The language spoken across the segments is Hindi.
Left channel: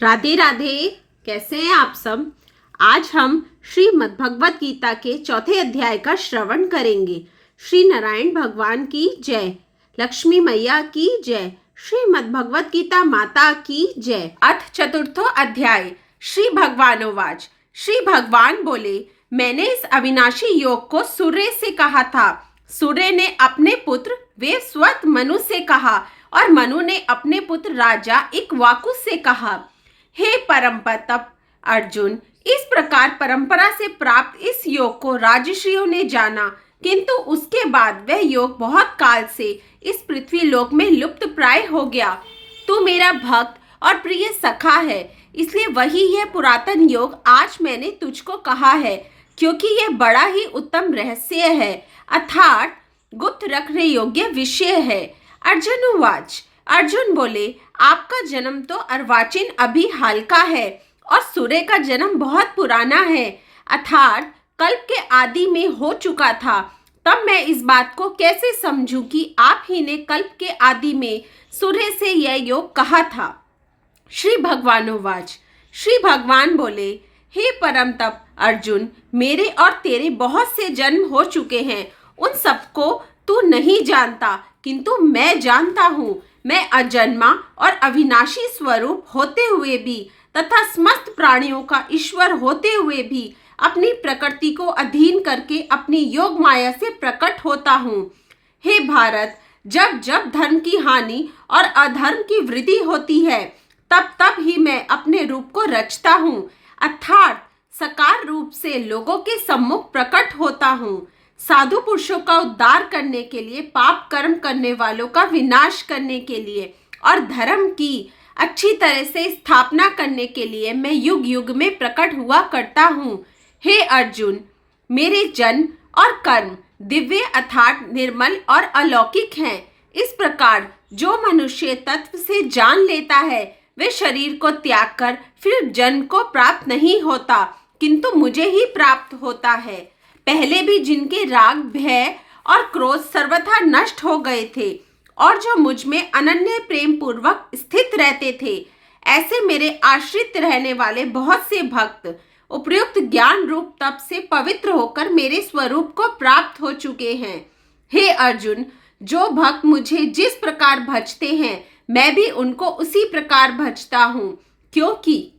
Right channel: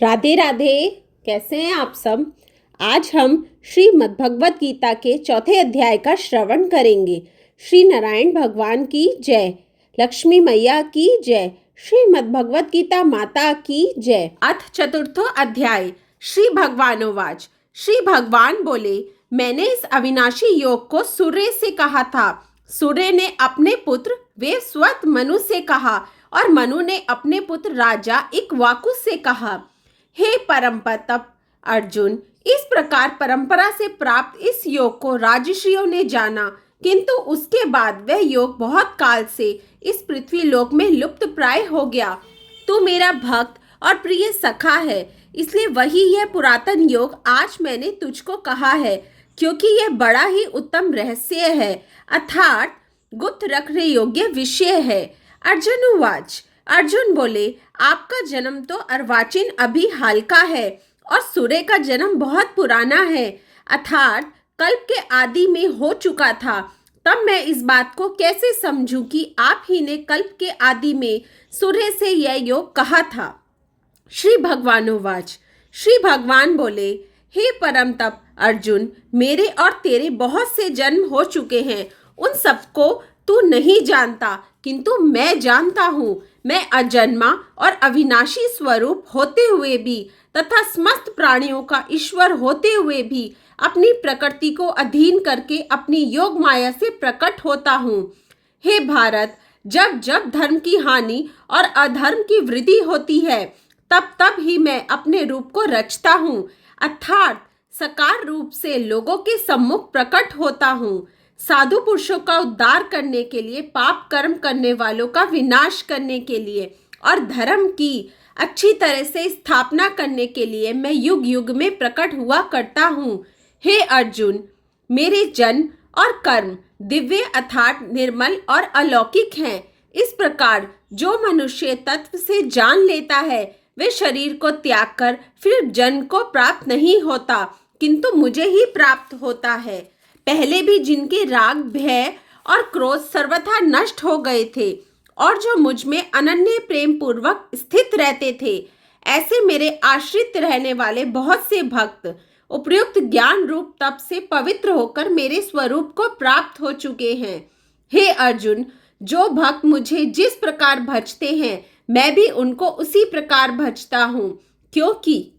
राधे राधे। कैसे हैं आप सब। आज हम श्रीमद् भगवत गीता के चौथे अध्याय का श्रवण करेंगे। श्री नारायण भगवान की जय, लक्ष्मी मैया की जय, श्रीमद् भगवत गीता माता की जय। अथ चतुर्थो अध्याय। श्री भगवानोवाच। श्री भगवान बोले, मैंने इस अविनाशी योग को सूर्य से कहा था। सूर्य ने अपने पुत्र वेवस्वत मनु से कहा और मनु ने अपने पुत्र राजा इक्ष्वाकु से कहा। हे परम तप अर्जुन, इस प्रकार परंपरा से प्राप्त इस योग को राजर्षियों ने जाना, किंतु उसके बाद वह योग बहुत काल से इस पृथ्वी लोक में लुप्त प्राय हो गया। तू मेरा भक्त और प्रिय सखा है, इसलिए वही यह पुरातन योग आज मैंने तुझको कहा है, क्योंकि यह बड़ा ही उत्तम रहस्य है, अर्थात गुप्त रखने योग्य विषय है। अर्जुन उवाच। अर्जुन बोले, आपका जन्म तो अर्वाचीन अभी हाल का है और सूर्य का जन्म बहुत पुराना है, अर्थात कल्प के आदि में हो चुका था। तब मैं इस बात को कैसे समझूं कि आप ही ने कल्प के आदि में सूर्य से यह योग कहा था। श्री भगवानोवाच। श्री भगवान बोले, हे परम तप अर्जुन, मेरे और तेरे बहुत से जन्म हो चुके हैं, उन सबको तू नहीं जानता, किंतु मैं जानता हूँ। मैं अजन्मा और अविनाशी स्वरूप होते हुए भी तथा समस्त प्राणियों का ईश्वर होते हुए भी अपनी प्रकृति को अधीन करके अपनी योग माया से प्रकट होता हूँ। हे भारत, जब जब धर्म की हानि और अधर्म की वृद्धि होती है, तब तब ही मैं अपने रूप को रचता हूँ, अर्थात साकार रूप से लोगों के सम्मुख प्रकट होता हूँ। साधु पुरुषों का उद्धार करने के लिए, पाप कर्म करने वालों का विनाश करने के लिए और धर्म की अच्छी तरह से स्थापना करने के लिए मैं युग युग में प्रकट हुआ करता हूँ। हे अर्जुन, मेरे जन्म और कर्म दिव्य अर्थात निर्मल और अलौकिक हैं। इस प्रकार जो मनुष्य तत्व से जान लेता है, वे शरीर को त्याग कर फिर जन्म को प्राप्त नहीं होता, किंतु मुझे ही प्राप्त होता है। पहले भी जिनके राग, भय और क्रोध सर्वथा नष्ट हो गए थे और जो मुझ में अनन्य प्रेम पूर्वक स्थित रहते थे, ऐसे मेरे आश्रित रहने वाले बहुत से भक्त उपयुक्त ज्ञान रूप तप से पवित्र होकर मेरे स्वरूप को प्राप्त हो चुके हैं। हे अर्जुन, जो भक्त मुझे जिस प्रकार भजते हैं, मैं भी उनको उसी प्रकार भजता हूँ, क्योंकि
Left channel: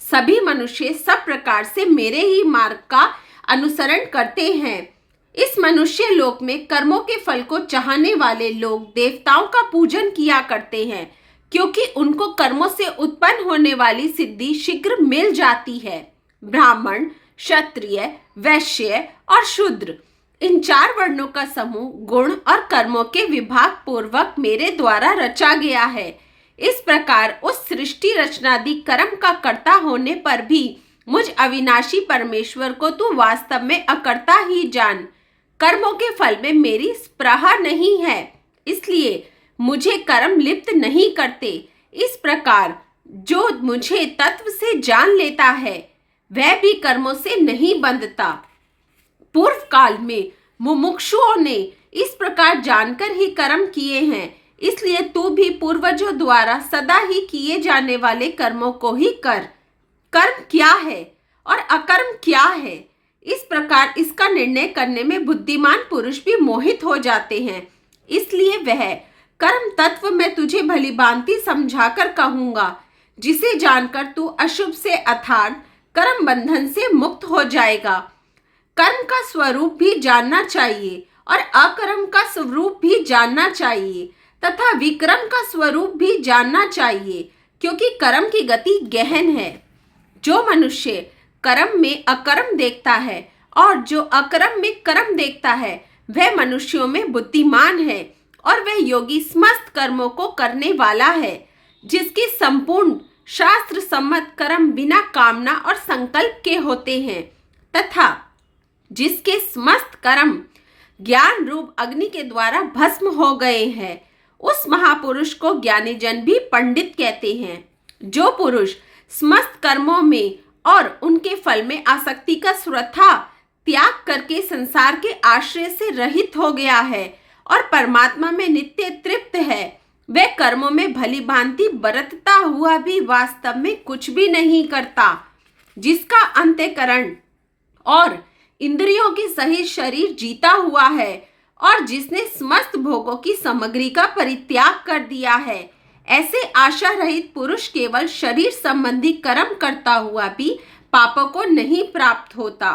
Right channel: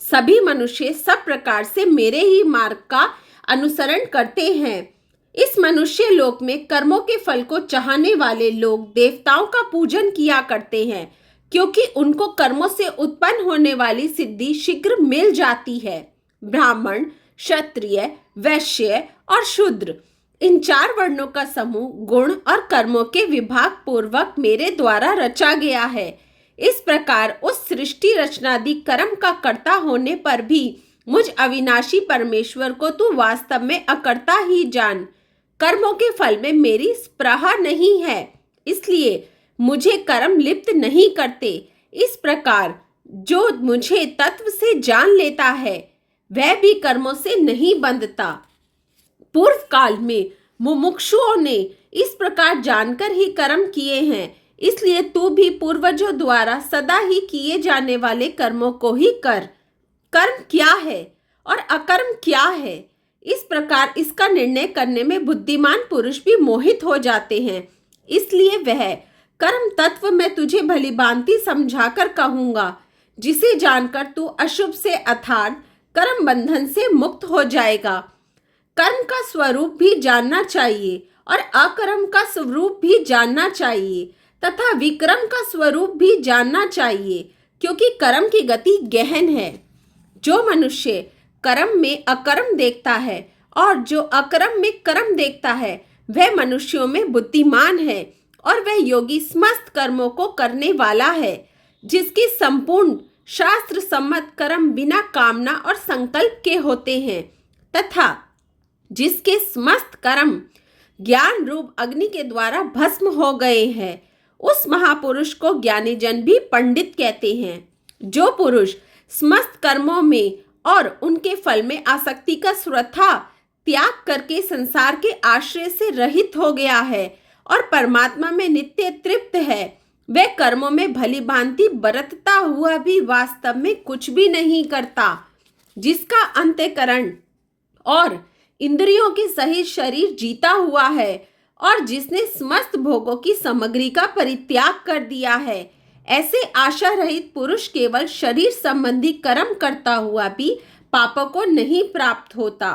सभी मनुष्य सब प्रकार से मेरे ही मार्ग का अनुसरण करते हैं। इस मनुष्य लोक में कर्मों के फल को चाहने वाले लोग देवताओं का पूजन किया करते हैं, क्योंकि उनको कर्मों से उत्पन्न होने वाली सिद्धि शीघ्र मिल जाती है। ब्राह्मण, क्षत्रिय, वैश्य और शूद्र, इन चार वर्णों का समूह गुण और कर्मों के विभाग पूर्वक मेरे द्वारा रचा गया है। इस प्रकार उस सृष्टि रचनादि कर्म का कर्ता होने पर भी मुझ अविनाशी परमेश्वर को तू वास्तव में अकर्ता ही जान। कर्मों के फल में मेरी स्पृहा नहीं है, इसलिए मुझे कर्म लिप्त नहीं करते। इस प्रकार जो मुझे तत्व से जान लेता है, वह भी कर्मों से नहीं बंधता। पूर्व काल में मुमुक्षुओं ने इस प्रकार जानकर ही कर्म किए हैं, इसलिए तू भी पूर्वजों द्वारा सदा ही किए जाने वाले कर्मों को ही कर। कर्म क्या है और अकर्म क्या है, इस प्रकार इसका निर्णय करने में बुद्धिमान पुरुष भी मोहित हो जाते हैं। इसलिए वह कर्म तत्व मैं तुझे भली भांति समझाकर कहूंगा, जिसे जानकर तू अशुभ से अर्थात कर्म बंधन से मुक्त हो जाएगा। कर्म का स्वरूप भी जानना चाहिए और अकर्म का स्वरूप भी जानना चाहिए तथा विक्रम का स्वरूप भी जानना चाहिए, क्योंकि कर्म की गति गहन है। जो मनुष्य कर्म में अकर्म देखता है और जो अकर्म में कर्म देखता है, वह मनुष्यों में बुद्धिमान है और वह योगी समस्त कर्मों को करने वाला है, जिसके संपूर्ण शास्त्र सम्मत कर्म बिना कामना और संकल्प के होते हैं तथा जिसके समस्त कर्म ज्ञान रूप अग्नि के द्वारा भस्म हो गए हैं, उस महापुरुष को ज्ञानी जन भी पंडित कहते हैं। जो पुरुष समस्त कर्मों में और उनके फल में आसक्ति का स्वथा त्याग करके संसार के आश्रय से रहित हो गया है और परमात्मा में नित्य तृप्त है, वह कर्मों में भली भांति बरतता हुआ भी वास्तव में कुछ भी नहीं करता, जिसका अंतःकरण और इंद्रियों के सहित शरीर जीता हुआ है और जिसने समस्त भोगों की सामग्री का परित्याग कर दिया है। ऐसे आशा रहित पुरुष केवल शरीर संबंधी कर्म करता हुआ भी पापों को नहीं प्राप्त होता।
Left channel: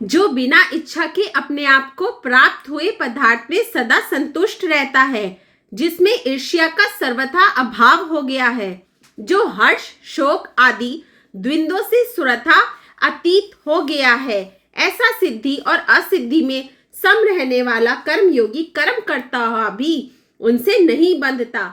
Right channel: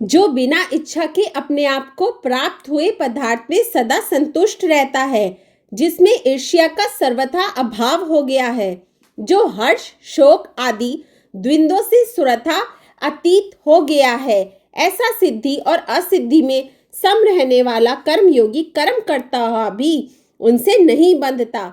जो बिना इच्छा के अपने आप को प्राप्त हुए पदार्थ में सदा संतुष्ट रहता है, जिसमें ईर्ष्या का सर्वथा अभाव हो गया है, जो हर्ष शोक आदि द्वंद्वों से सुरथा अतीत हो गया है, ऐसा सिद्धि और असिद्धि में सम रहने वाला कर्मयोगी कर्म करता हुआ भी उनसे नहीं बंधता,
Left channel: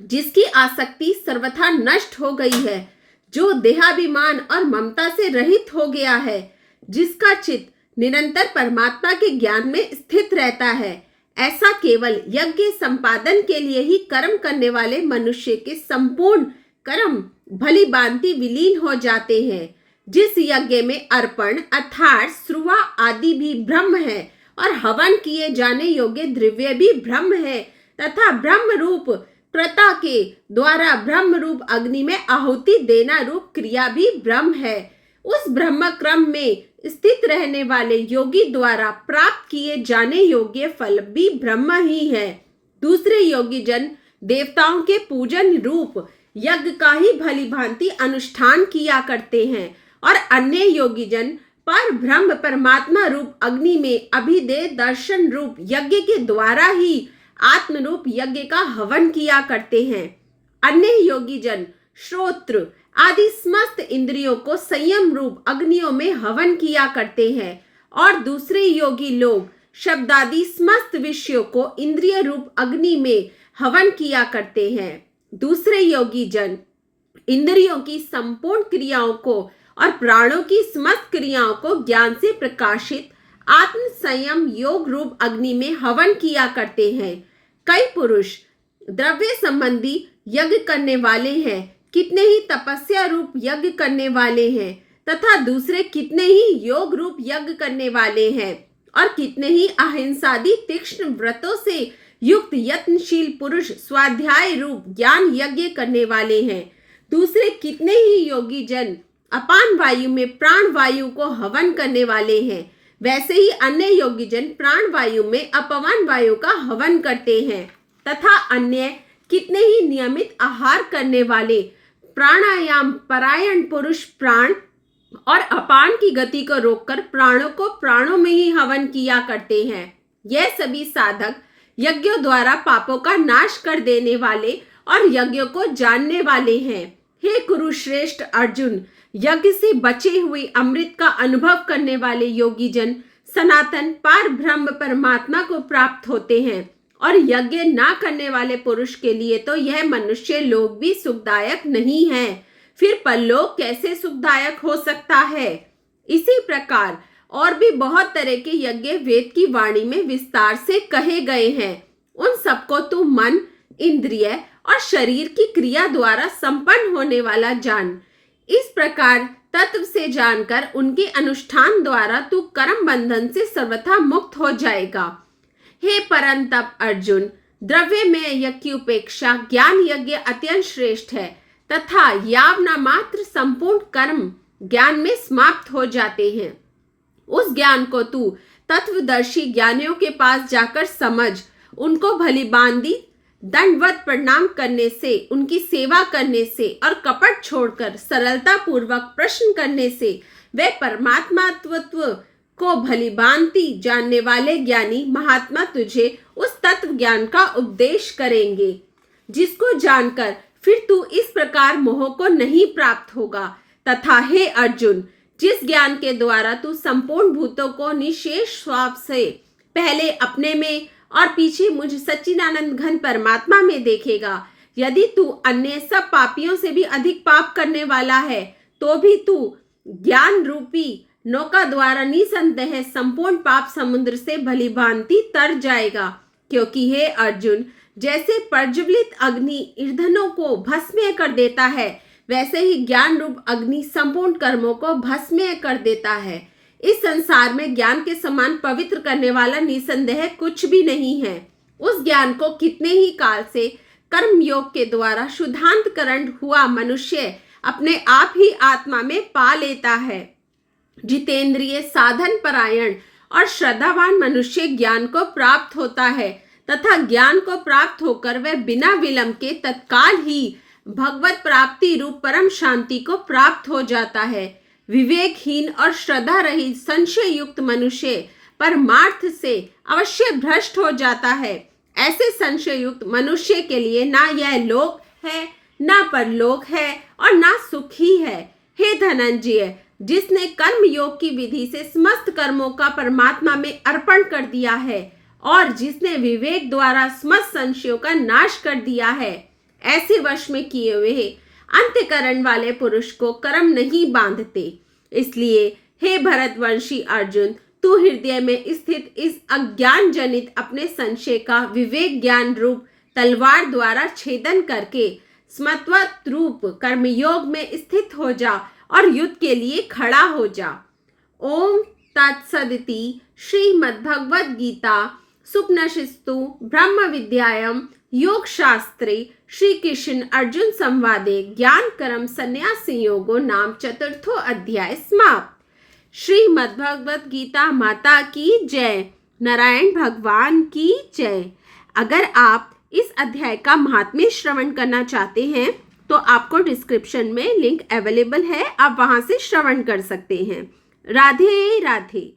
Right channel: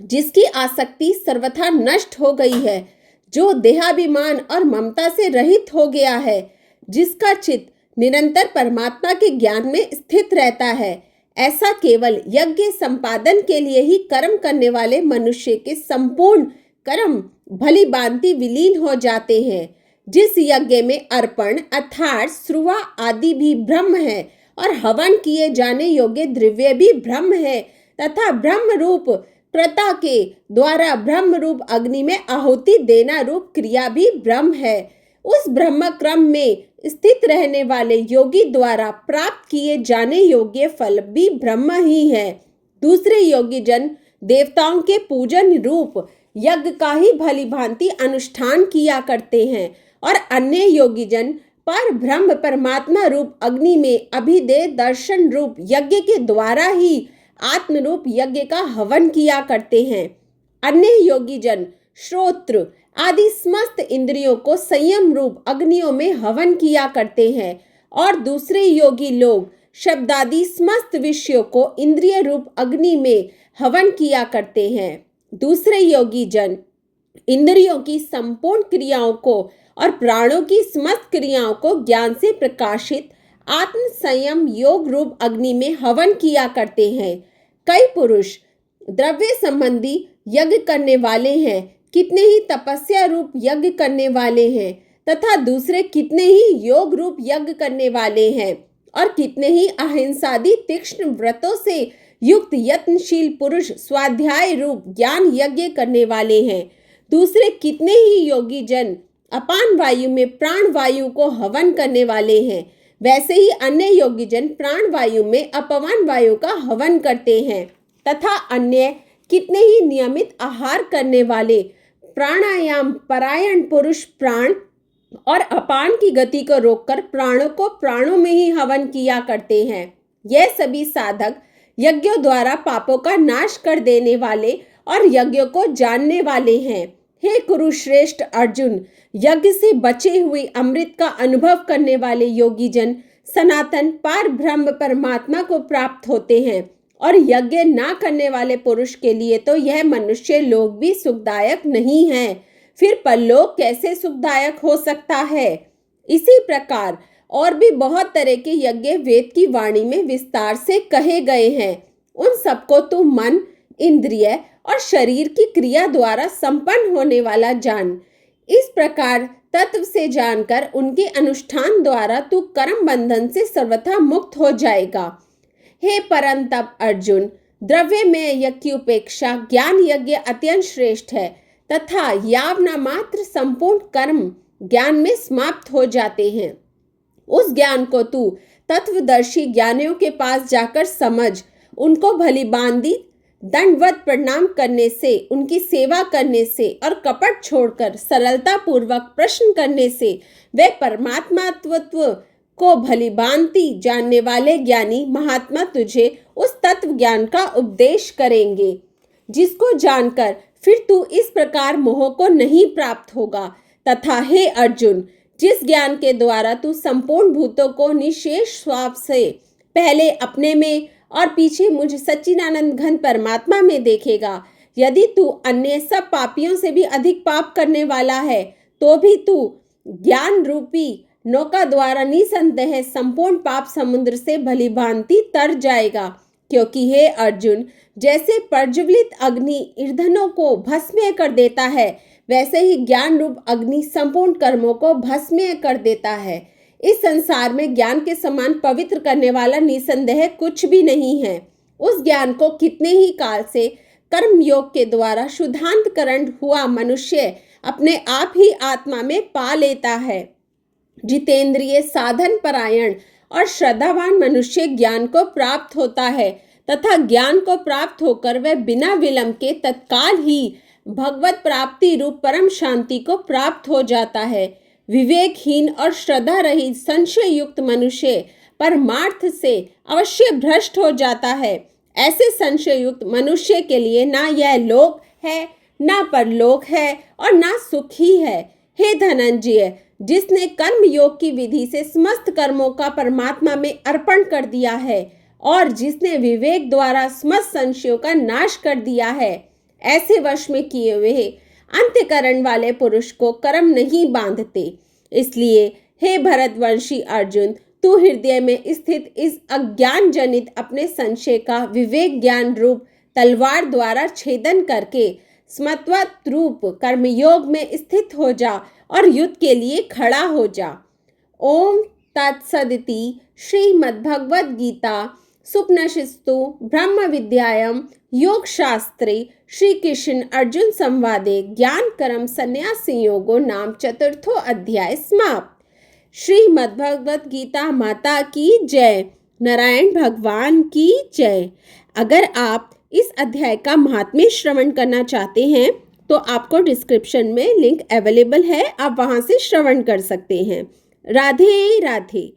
जिसकी आसक्ति सर्वथा नष्ट हो गई है, जो देहाभिमान और ममता से रहित हो गया है, जिसका चित्त निरंतर परमात्मा के ज्ञान में स्थित रहता है। ऐसा केवल यज्ञ संपादन के लिए ही कर्म करने वाले मनुष्य के संपूर्ण कर्म भली भांति विलीन हो जाते हैं। जिस यज्ञ में अर्पण अर्थात श्रुवा आदि भी ब्रह्म है और हवन किए जाने योग्य द्रव्य भी ब्रह्म है तथा ब्रह्म रूप क्रता के द्वारा ब्रह्म रूप अग्नि में आहुति देना रूप क्रिया भी ब्रह्म है, उस ब्रह्म क्रम में स्थित रहने वाले योगी द्वारा प्राप्त किए जाने योग्य फल भी ब्रह्म ही है। दूसरे योगी जन देवताओं के पूजन रूप यज्ञ का ही भली भांति अनुष्ठान किया करते हैं और अन्य योगी जन पर ब्रह्म परमात्मा रूप अग्नि में अभिदे दर्शन रूप यज्ञ के द्वारा ही आत्म रूप यज्ञ का हवन किया करते हैं। अन्य योगी जन श्रोत्र आदि समस्त इंद्रियों को संयम रूप अग्नियों में हवन किया करते हैं और दूसरे योगी लोग शब्दादि समस्त विषयों को इंद्रिय रूप अग्नि में हवन किया करते हैं। दूसरे योगी जन इंद्रियों की संपूर्ण क्रियाओं को और प्राणों की समस्त क्रियाओं को ज्ञान से प्रकाशित आत्म संयम योग रूप अग्नि में हवन किया करते हैं। कई पुरुष द्रव्य संबंधी यज्ञ करने वाले हैं, कितने ही तपस्या रूप यज्ञ करने वाले हैं तथा दूसरे कितने ही योग रूप यज्ञ करने वाले हैं और कितने ही अहिंसादि तीक्ष्ण व्रतों से युक्त यत्नशील पुरुष स्वाध्याय रूप ज्ञान यज्ञ करने वाले हैं। दूसरे कितने ही योगी जन अपान वायु में प्राण वायु को हवन करने वाले हैं। वैसे ही अन्य योगी जन प्राण वायु में अपवन वायु का हवन करते हैं तथा अन्य कितने ही नियमित आहार करने वाले प्राणायाम परायण पुरुष प्राण और अपान की गति को रोककर प्राणों को प्राणों में ही हवन किया करते हैं। यह सभी साधक यज्ञों द्वारा पापों का नाश कर देने वाले और यज्ञों को जानने वाले हैं। हे कुरुश्रेष्ठ अर्जुन, यज्ञ से बचे हुए अमृत का अनुभव करने वाले योगी जन सनातन पार ब्रह्म परमात्मा को प्राप्त होते हैं और यज्ञ ना करने वाले पुरुष के लिए तो यह मनुष्य लोक भी सुखदायक नहीं है, फिर परलोक कैसे सुखदायक हो सकता है। इसी प्रकार और भी बहुत तरह के यज्ञ वेद की वाणी में विस्तार से कहे गए हैं। उन सबको तू मन इंद्रिय और शरीर की क्रिया द्वारा संपन्न होने वाला जान। इस प्रकार तत्व से जानकर उनके अनुष्ठान द्वारा तू कर्म बंधन से सर्वथा मुक्त हो जाएगा। हे परंतप अर्जुन, द्रव्य में यज्ञ की उपेक्षा ज्ञान यज्ञ अत्यंत श्रेष्ठ है तथा यावना मात्र संपूर्ण कर्म ज्ञान में समाप्त हो जाते हैं। उस ज्ञान को तू तत्वदर्शी ज्ञानियों के पास जाकर समझ, उनको भली भांति दंडवत प्रणाम करने से, उनकी सेवा करने से और कपट छोड़कर सरलता पूर्वक प्रश्न करने से वे परमात्मा तत्व को भली भांति जानने वाले ज्ञानी महात्मा तुझे उस तत्व ज्ञान का उपदेश करेंगे, जिसको जानकर फिर तू इस प्रकार मोह को नहीं प्राप्त होगा। तथा हे अर्जुन, जिस ज्ञान के द्वारा तू संपूर्ण भूतों को निशेष स्वभाव से पहले अपने में और पीछे मुझ सच्चिदानंद घन परमात्मा में देखेगा, यदि तू अन्य सब पापियों से भी अधिक पाप करने वाला है तो भी तू ज्ञान रूपी नौका द्वारा निसंदेह संपूर्ण पाप समुद्र से भली भांति तर जाएगा। क्योंकि हे अर्जुन, जैसे प्रज्वलित अग्नि ईंधनों को भस्म कर देता है, वैसे ही ज्ञान रूप अग्नि संपूर्ण कर्मों को भस्म कर देता है। इस संसार में ज्ञान के समान पवित्र करने वाला निसंदेह कुछ भी नहीं है। उस ज्ञान को कितने ही काल से कर्म योग के द्वारा शुद्धांतकरण हुआ मनुष्य अपने आप ही आत्मा में पा लेता है। जितेंद्रिय, साधन परायण और श्रद्धावान मनुष्य ज्ञान को प्राप्त होता है तथा ज्ञान को प्राप्त होकर वह बिना विलंब के तत्काल ही भगवत प्राप्ति रूप परम शांति को प्राप्त हो जाता है। विवेकहीन और श्रद्धा रहित संशय युक्त मनुष्य परमार्थ से अवश्य भ्रष्ट हो जाता है। ऐसे संशय युक्त मनुष्य के लिए ना यह लोक है, ना परलोक है और ना सुख ही है। हे धनंजय, जिसने कर्म योग की विधि से समस्त कर्मों का परमात्मा में अर्पण कर दिया है और जिसने विवेक द्वारा समस्त संशयों का नाश कर दिया है, ऐसे वश में किए हुए अंत्यकरण वाले पुरुष को कर्म नहीं बांधते। इसलिए हे भरतवंशी अर्जुन, तू हृदय में स्थित इस अज्ञान जनित अपने संशय का विवेक ज्ञान रूप तलवार द्वारा छेदन करके स्मत्वत रूप कर्मयोग में स्थित हो जा और युद्ध के लिए खड़ा हो जा। ओम तत्सदिति श्रीमद्भगवद गीता सुपनिषत्सु ब्रह्म विद्यायां योग शास्त्रे श्री कृष्ण अर्जुन संवादे ज्ञान कर्म संन्यास योगो नाम चतुर्थो अध्याय समाप्त। श्रीमद्भगवद गीता माता की जय। नारायण भगवान की जय। अगर आप इस अध्याय का महात्म्य श्रवण करना चाहते हैं तो आपको डिस्क्रिप्शन में लिंक अवेलेबल है, आप वहां से श्रवण कर सकते हैं। राधे राधे।